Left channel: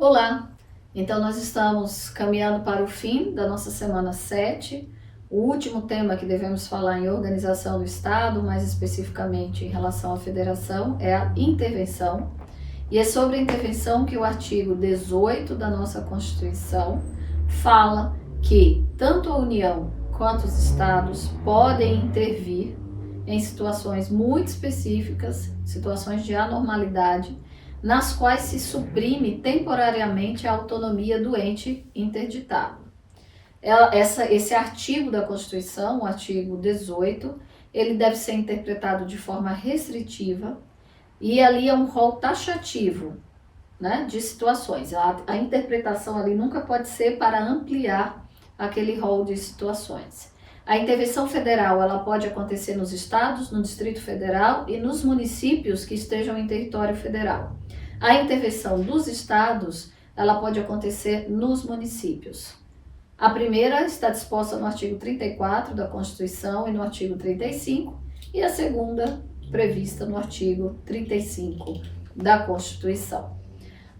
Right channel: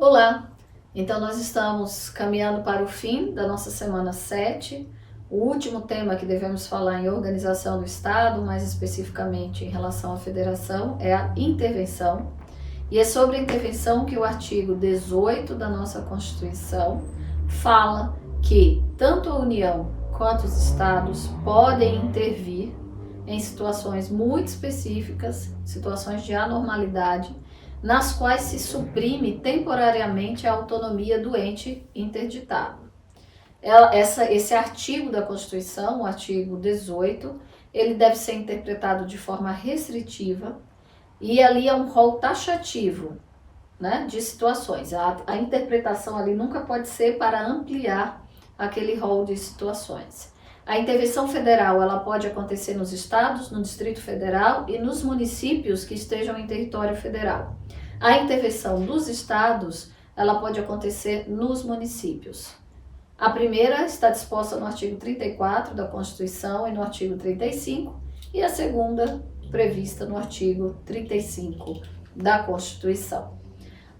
Olá! Então nós estamos caminhando para o fim da nossa semana 7. O último tema que devemos falar em organização do Estado, mais especificamente em relação à federação, é a intervenção. E é sobre a intervenção que o artigo 18 da nossa Constituição fala que tanto a União quanto os Estados podem intervir em situações muito específicas, situações de anormalidade, nas quais se suprime temporariamente a autonomia do ente interditado. Esse artigo da Constituição, o artigo 18, ele deve ser interpretado de forma restritiva e ali é um rol taxativo, né, de situações. A interpretação ali nunca pode ser para ampliar aquele rol de situações. A intervenção federal, ela pode acontecer nos estados, no Distrito Federal e nos municípios que estejam em território federal. A intervenção dos estados, ela pode acontecer nos municípios. A primeira está disposta no artigo 34 da Constituição e no artigo 35, e a segunda prevista no artigo 35 da Constituição.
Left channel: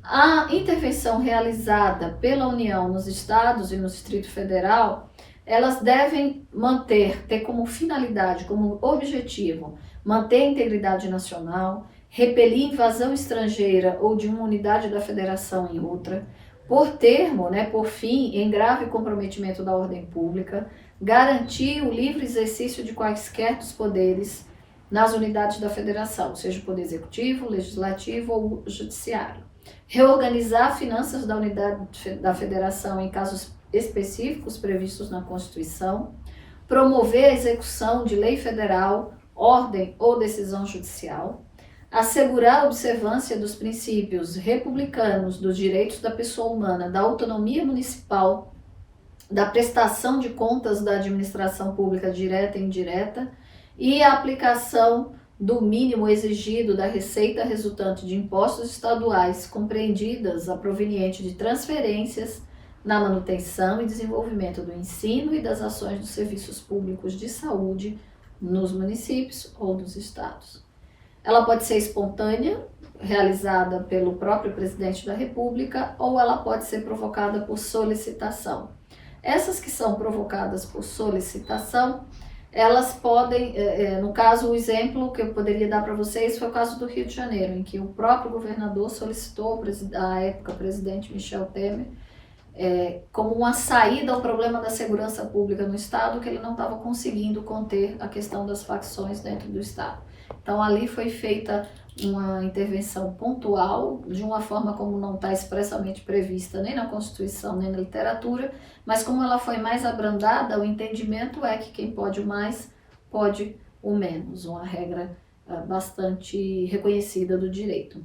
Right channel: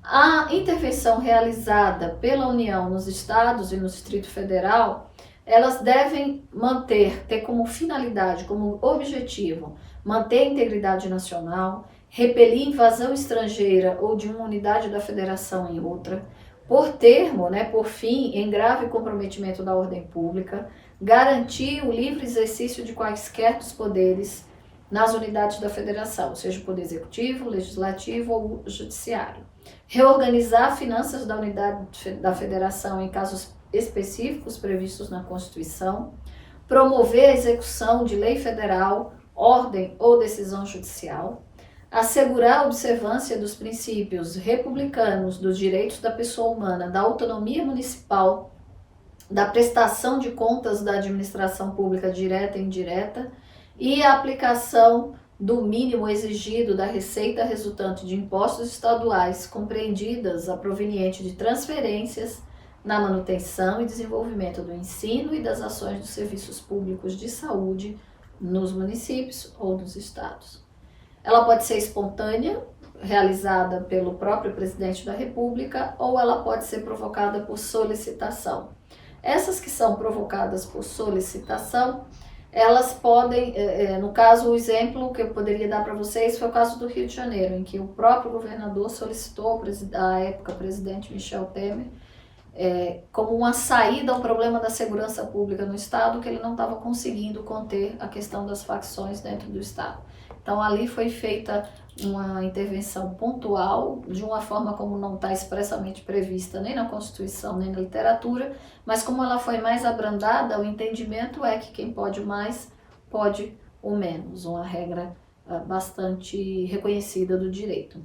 A intervenção realizada pela União nos estados e no Distrito Federal, elas devem ter como finalidade, como objetivo, manter a integridade nacional, repelir invasão estrangeira ou de uma unidade da federação em outra, por termo, por fim, em grave comprometimento da ordem pública, garantir o livre exercício de quaisquer dos poderes nas unidades da federação, seja o poder executivo, legislativo ou judiciário. Reorganizar finanças da unidade da federação em casos específicos previstos na Constituição, promover a execução de lei federal, ordem ou decisão judicial, assegurar a observância dos princípios republicanos dos direitos da pessoa humana, da autonomia municipal, da prestação de contas da administração pública direta e indireta e a aplicação do mínimo exigido da receita resultante de impostos estaduais, compreendidas a proveniente de transferências na manutenção e desenvolvimento do ensino e das ações dos serviços públicos de saúde nos municípios ou nos estados. Ela pode ser espontânea, realizada pelo próprio presidente da República, ou ela pode ser provocada por solicitação. Essas que são provocadas por solicitação, elas podem, no caso, o exemplo que eu poderia dar para vocês foi o caso do Rio de Janeiro, em que o próprio governador solicitou à época presidente Michel Temer, como uma saída ao problema da segurança pública no estado, que ele não estava conseguindo conter a questão das facções dentro do estado. Então ali foi feita uma intervenção pontual, de uma forma como não está expressamente prevista nem na Constituição, nem na literatura, mas como ela foi mais abrandada, o entendimento é que quem pode o mais, pode o menos, uma regra bastante reconhecida do direito.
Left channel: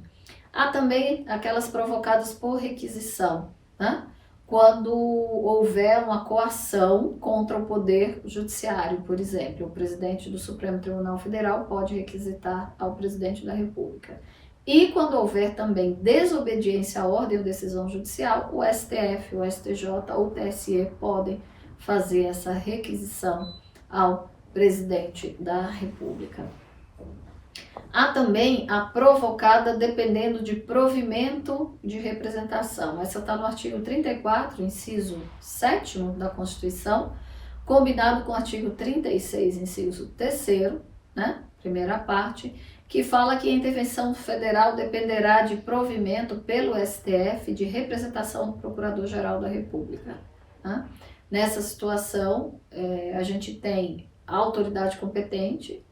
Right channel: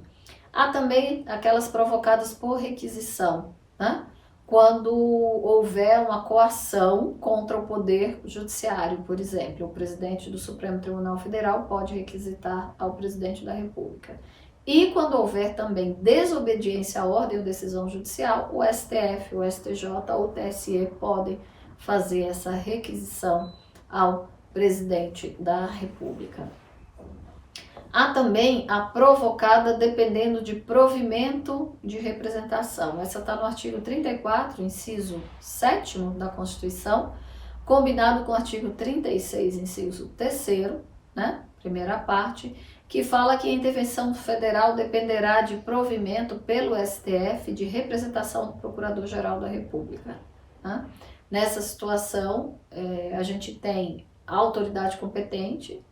Há também aquelas provocadas por requisição, né? Quando houver uma coação contra o Poder Judiciário, por exemplo. O presidente do Supremo Tribunal Federal pode requisitar ao presidente da República. E quando houver também desobediência à ordem ou decisão judicial, o STF, o STJ ou o TSE podem fazer essa requisição ao presidente da República. Há também a provocada dependendo de provimento de representação. Essa está no artigo 34, inciso 7º da Constituição, combinado com o artigo 36, inciso 3º, né, primeira parte, que fala que a intervenção federal dependerá de provimento pelo STF de representação do Procurador-Geral da República. Né? Nessa situação, a gente tem a autoridade competente,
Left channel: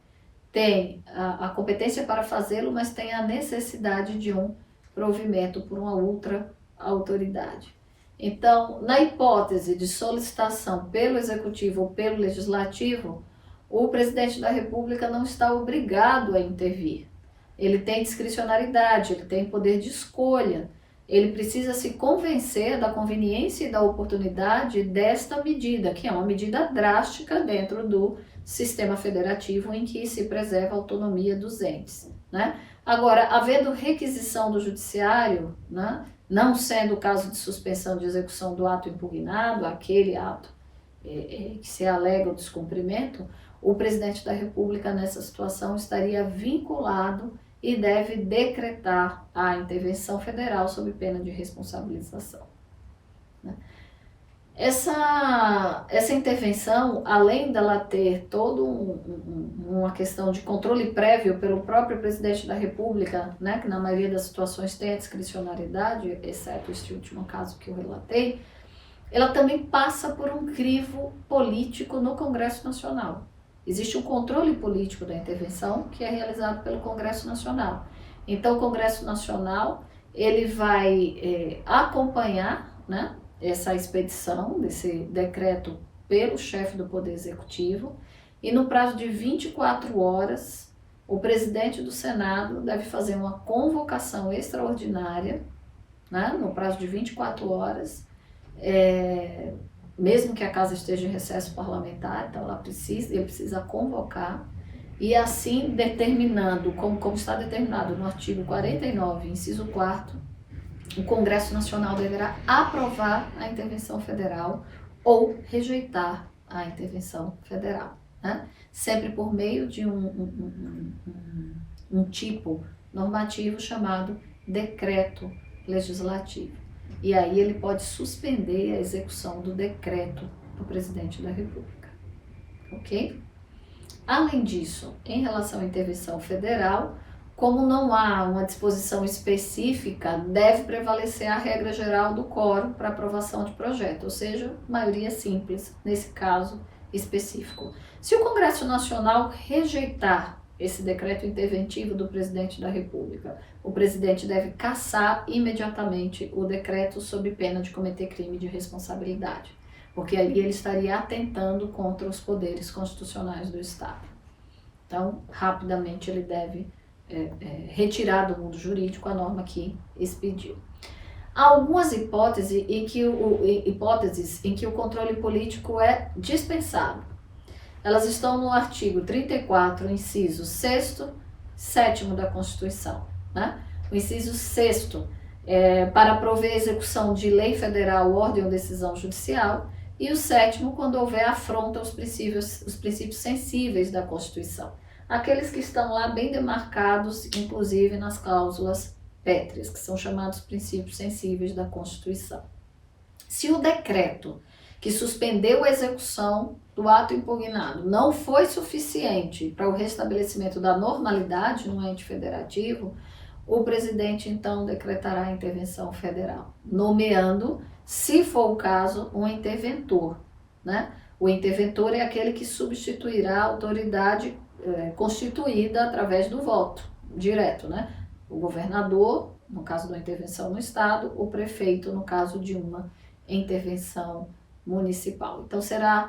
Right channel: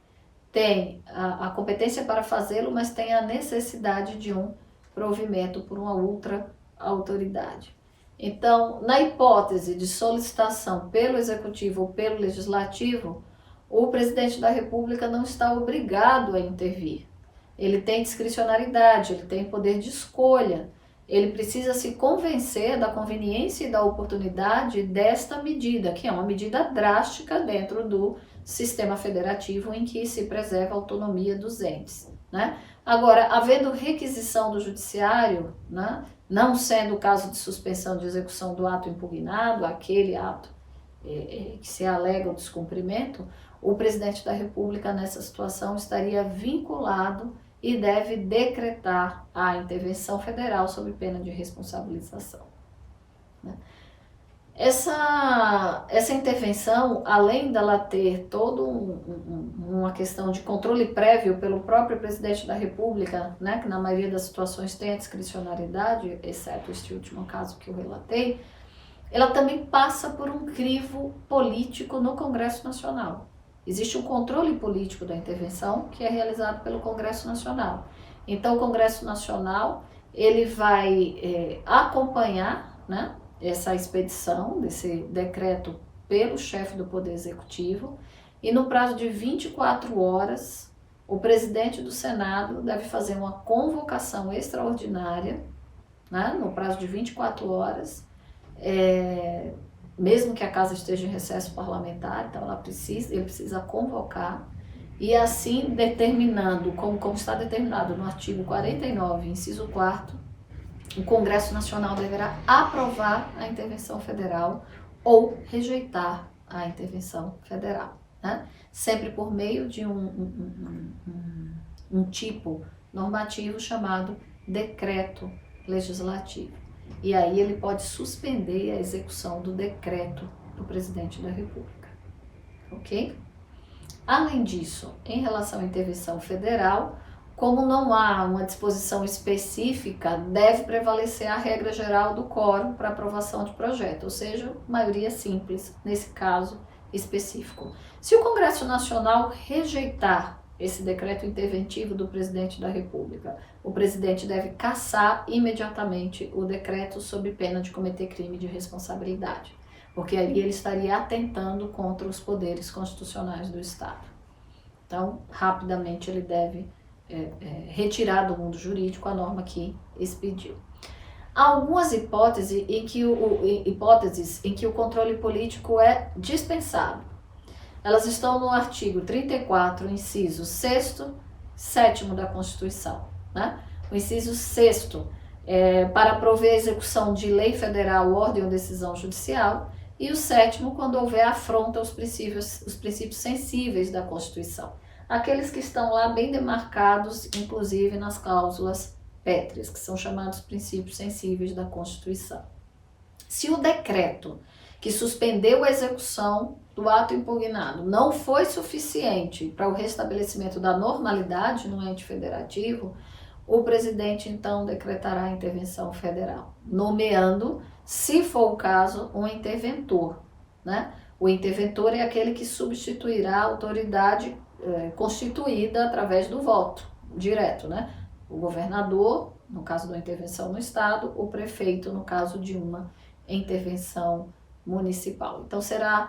tem a competência para fazê-lo, mas tem a necessidade de um provimento por uma outra autoridade. Então, na hipótese de solicitação pelo Executivo ou pelo Legislativo, o presidente da República não está obrigado a intervir. Ele tem discricionariedade, ele tem poder de escolha, ele precisa se convencer da conveniência e da oportunidade desta medida, que é uma medida drástica dentro do sistema federativo em que se preserva a autonomia dos entes. Né? Agora, havendo requisição do judiciário, né, não sendo o caso de suspensão de execução do ato impugnado, aquele ato que se alega o descumprimento, o presidente da República nessa situação estaria vinculado e deve decretar a intervenção federal sob pena de responsabilização. Essa intervenção, além dela ter toda uma questão de controle prévio pelo próprio presidente da República, né, que na maioria das situações tem a discricionariedade, exceto este último caso que eu relatei, ela também passa por um crivo político no Congresso Nacional. Existe um controle político da intervenção que é realizado pelo Congresso Nacional. Então, o Congresso Nacional ele vai acompanhar, né, essa expedição desse decreto pelo chefe do Poder Executivo e no prazo de 24 horas o presidente do Senado deve fazer uma convocação extraordinária, né, no prazo de 24 horas, mesmo que a casa esteja em recesso parlamentar, então ele precisa convocar e assim determinando, como está determinado no artigo 49, inciso 4º, o Congresso Nacional deverá aprovar a intervenção federal ou rejeitar a intervenção federal, né? Sempre por meio de um tipo normativo chamado decreto legislativo. E aí ele pode suspender a execução do decreto do presidente da República, ok? Além disso, em relação à intervenção federal, como não há uma disposição específica, deve prevalecer a regra geral do quórum para aprovação de projeto, ou seja, maioria simples nesse caso específico. Se o Congresso Nacional rejeitar esse decreto interventivo do presidente da República, o presidente deve cassar imediatamente o decreto sob pena de cometer crime de responsabilidade, porque aí ele estaria atentando contra os poderes constitucionais do Estado. Então, rapidamente ele deve retirar do mundo jurídico a norma que expediu. Há algumas hipóteses em que o controle político é dispensado. Elas estão no artigo 34, inciso 6º, 7º da Constituição, né? O inciso 6º para prover a execução de lei federal, ordem ou decisão judicial, e o 7º quando houver afronta aos princípios sensíveis da Constituição. Aqueles que estão lá bem demarcados, inclusive nas cláusulas pétreas, que são chamados princípios sensíveis da Constituição. Se o decreto que suspendeu a execução do ato impugnado não foi suficiente para o restabelecimento da normalidade no ente federativo, o presidente então decretará a intervenção federal, nomeando, se for o caso, um interventor, né? O interventor é aquele que substituirá a autoridade constituída através do voto direto, né? O governador, no caso da intervenção no Estado, o prefeito, no caso de uma intervenção municipal. Então, será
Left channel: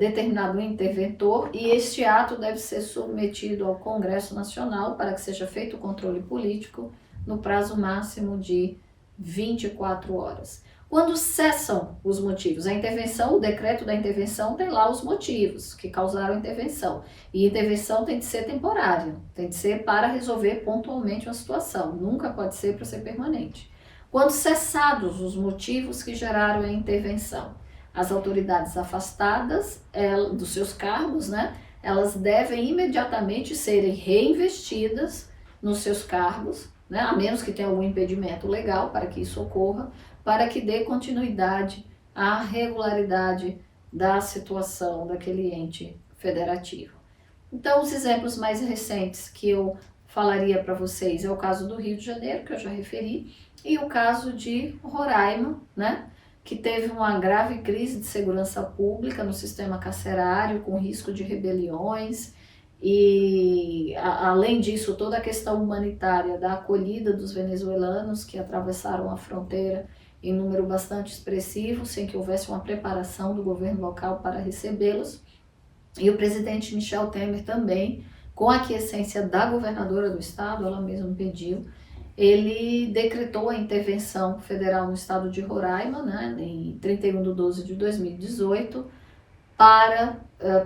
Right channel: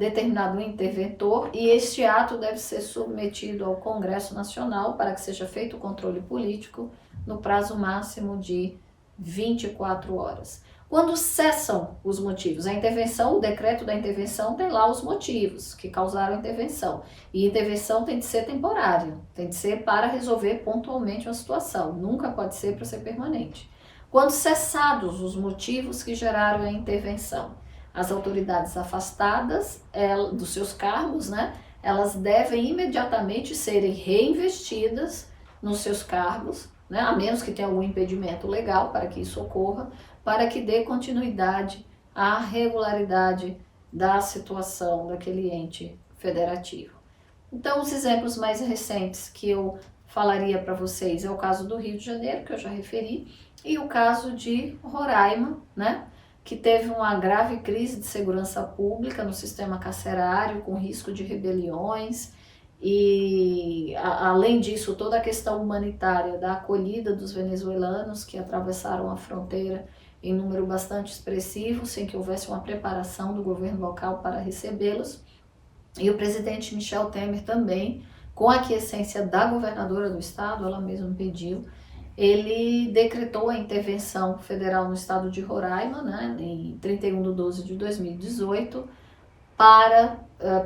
determinado um interventor e este ato deve ser submetido ao Congresso Nacional para que seja feito o controle político no prazo máximo de 24 horas. Quando cessam os motivos, a intervenção, o decreto da intervenção tem lá os motivos que causaram a intervenção. E a intervenção tem de ser temporária, tem de ser para resolver pontualmente uma situação, nunca pode ser para ser permanente. Quando cessados os motivos que geraram a intervenção, as autoridades afastadas dos seus cargos, né, elas devem imediatamente serem reinvestidas nos seus cargos, né, a menos que tenha algum impedimento legal para que isso ocorra, para que dê continuidade à regularidade da situação daquele ente federativo. Então, os exemplos mais recentes que eu falaria para vocês é o caso do Rio de Janeiro, que eu já referi, e o caso de Roraima, né, que teve uma grave crise de segurança pública no sistema carcerário, com risco de rebeliões, e além disso, toda a questão humanitária da acolhida dos venezuelanos que atravessaram a fronteira em número bastante expressivo, sem que houvesse uma preparação do governo local para recebê-los. E o presidente Michel Temer também, com a aquiescência da governadora do estado, ela mesma pediu, ele decretou a intervenção federal no estado de Roraima, né, em 31/12/2018, para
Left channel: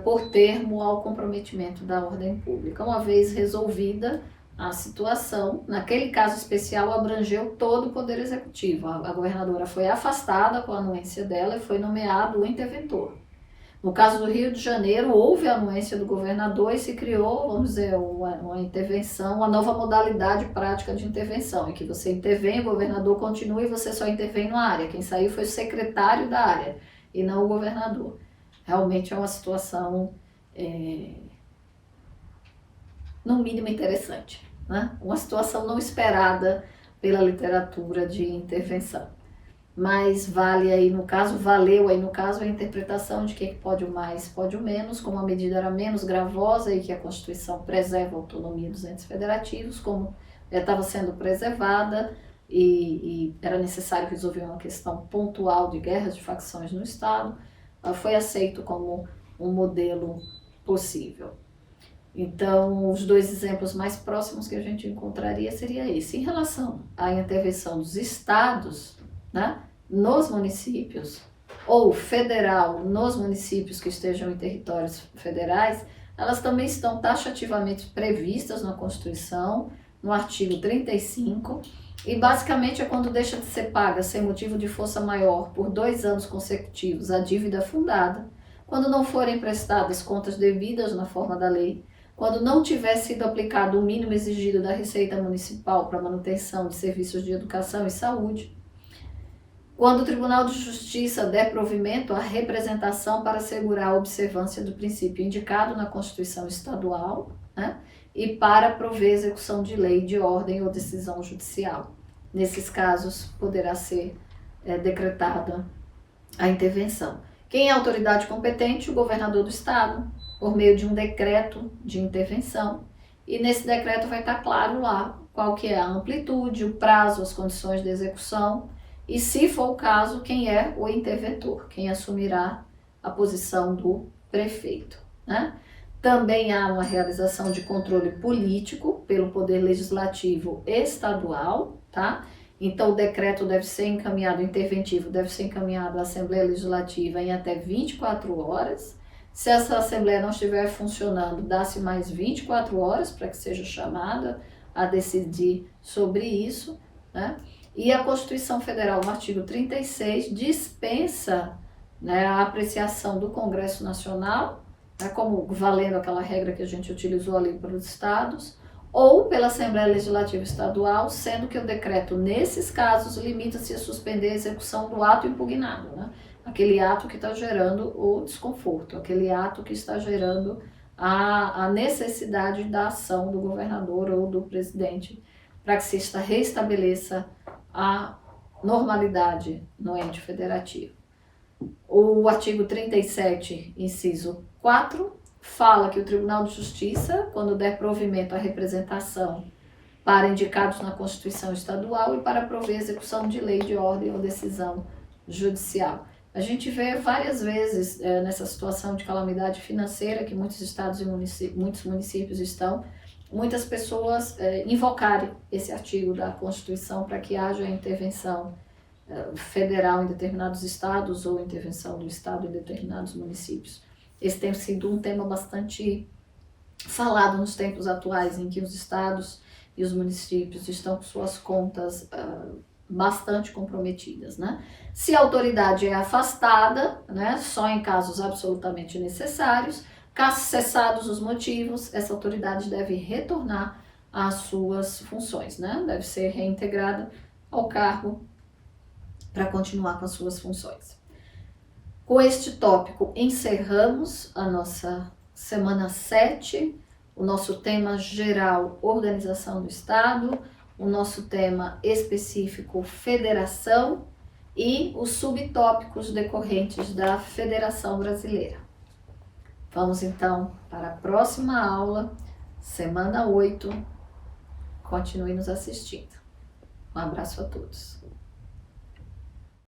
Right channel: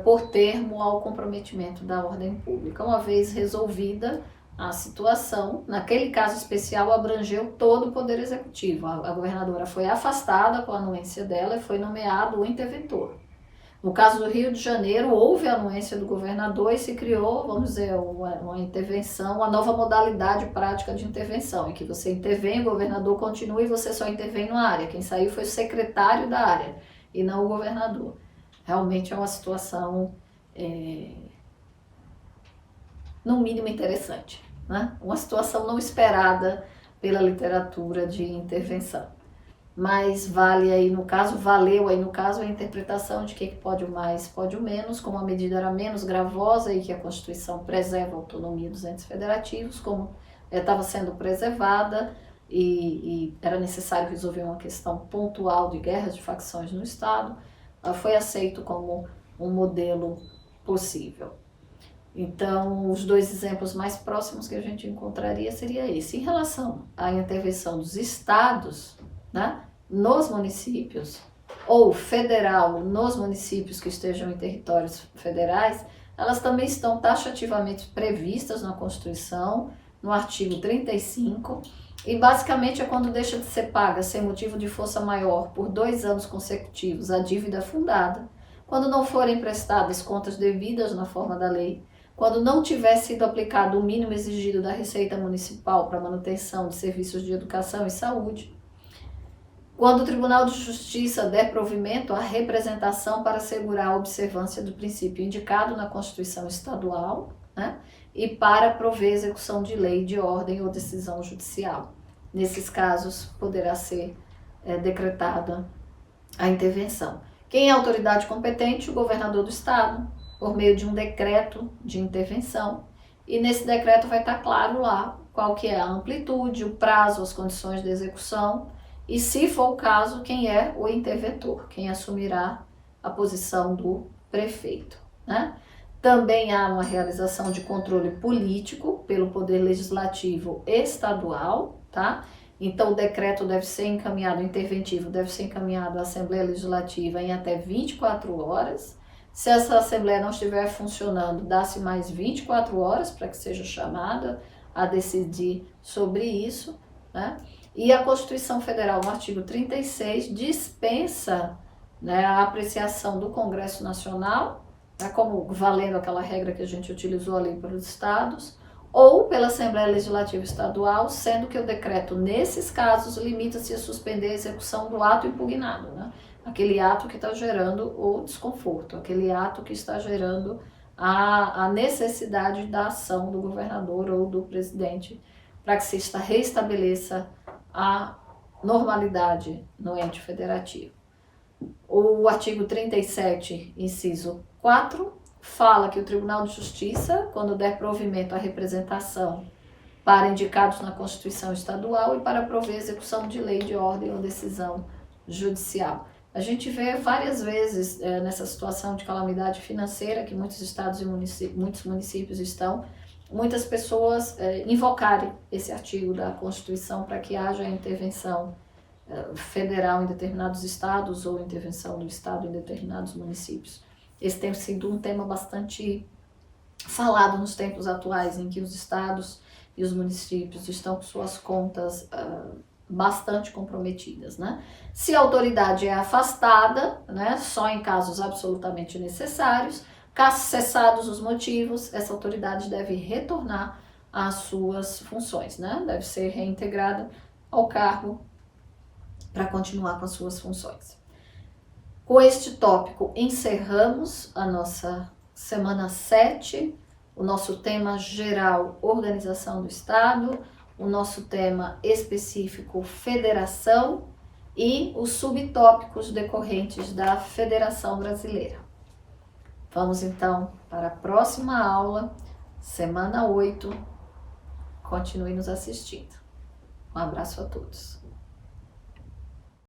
pôr termo ao comprometimento da ordem pública. Uma vez resolvida a situação, naquele caso especial, abrangeu todo o Poder Executivo. A governadora foi afastada com a anuência dela e foi nomeado o interventor. No caso do Rio de Janeiro, houve a anuência do governador e se criou, vamos dizer, uma intervenção, uma nova modalidade prática de intervenção, em que você intervém, o governador continua e você só intervém numa área. Quem saiu foi o secretário da área e não o governador. Realmente é uma situação, no mínimo, interessante, né? Uma situação não esperada pela literatura de intervenção. Mas valeu aí no caso a interpretação de que pode o mais, pode o menos, como a medida era menos gravosa e que a Constituição preserva a autonomia dos entes federativos, como estava sendo preservada e era necessário resolver uma questão pontual de guerras de facções no Estado, foi aceito como um modelo possível. Então, os dois exemplos mais próximos que a gente encontraria seria esse. Em relação à intervenção dos estados, né, nos municípios, ou federal nos municípios que estejam em territórios federais, elas também estão taxativamente previstas na Constituição, no artigo 35, e basicamente é quando deixa de ser paga sem motivo de força maior por 2 anos consecutivos a dívida fundada, quando não forem prestadas contas devidas na forma da lei, quando não tiver sido aplicado o mínimo exigido da Receita Municipal para manutenção de serviços de educação e saúde, quando o Tribunal de Justiça der provimento à representação para assegurar a observância do princípio indicado na Constituição Estadual, né, e para prover execução de lei, de ordem ou decisão judicial. Nesses casos, poderá ser decretada a intervenção. Quem é a autoridade competente? O governador do estado, por meio de um decreto de intervenção, e nesse decreto vai estar claro lá qual que é a amplitude, o prazo, as condições de execução e, se for o caso, quem é o interventor, quem assumirá a posição do prefeito, né? Também há uma realização de controle político pelo Poder Legislativo Estadual, tá? Então, o decreto deve ser encaminhado, o interventivo deve ser encaminhado à Assembleia Legislativa em até 24 horas. Se essa Assembleia não estiver funcionando, dá-se mais 24 horas para que seja chamada a decidir sobre isso, né? E a Constituição Federal, no artigo 36, dispensa, né, a apreciação do Congresso Nacional, né, como valendo aquela regra que a gente utilizou ali para os estados, ou pela Assembleia Legislativa Estadual, sendo que o decreto, nesses casos, limita-se a suspender a execução do ato impugnado, né? Aquele ato que está gerando o desconforto, aquele ato que está gerando a necessidade da ação do governador ou do presidente para que se restabeleça a normalidade no ente federativo. O artigo 37, inciso 4, fala que o Tribunal de Justiça, quando der provimento à representação para indicados na Constituição Estadual e para prover execução de lei, de ordem ou decisão judicial. A gente vê várias vezes nessa situação de calamidade financeira que muitos estados e muitos municípios estão, muitas pessoas invocarem esse artigo da Constituição para que haja intervenção federal em determinados estados ou intervenção do estado em determinados municípios. Esse tem sido um tema bastante falado nos tempos atuais, em que os estados e os municípios estão com suas contas bastante comprometidas, né? Se a autoridade é afastada, né, só em casos absolutamente necessários, caso cessados os motivos, essa autoridade deve retornar às suas funções, né? Deve ser reintegrada ao cargo para continuar com as suas funções. Com este tópico, encerramos a nossa semana 7, o nosso tema geral, organização do Estado, o nosso tema específico, federação, e os subtópicos decorrentes da Federação Brasileira. Vamos então para a próxima aula, semana 8. Continue nos assistindo. Um abraço a todos.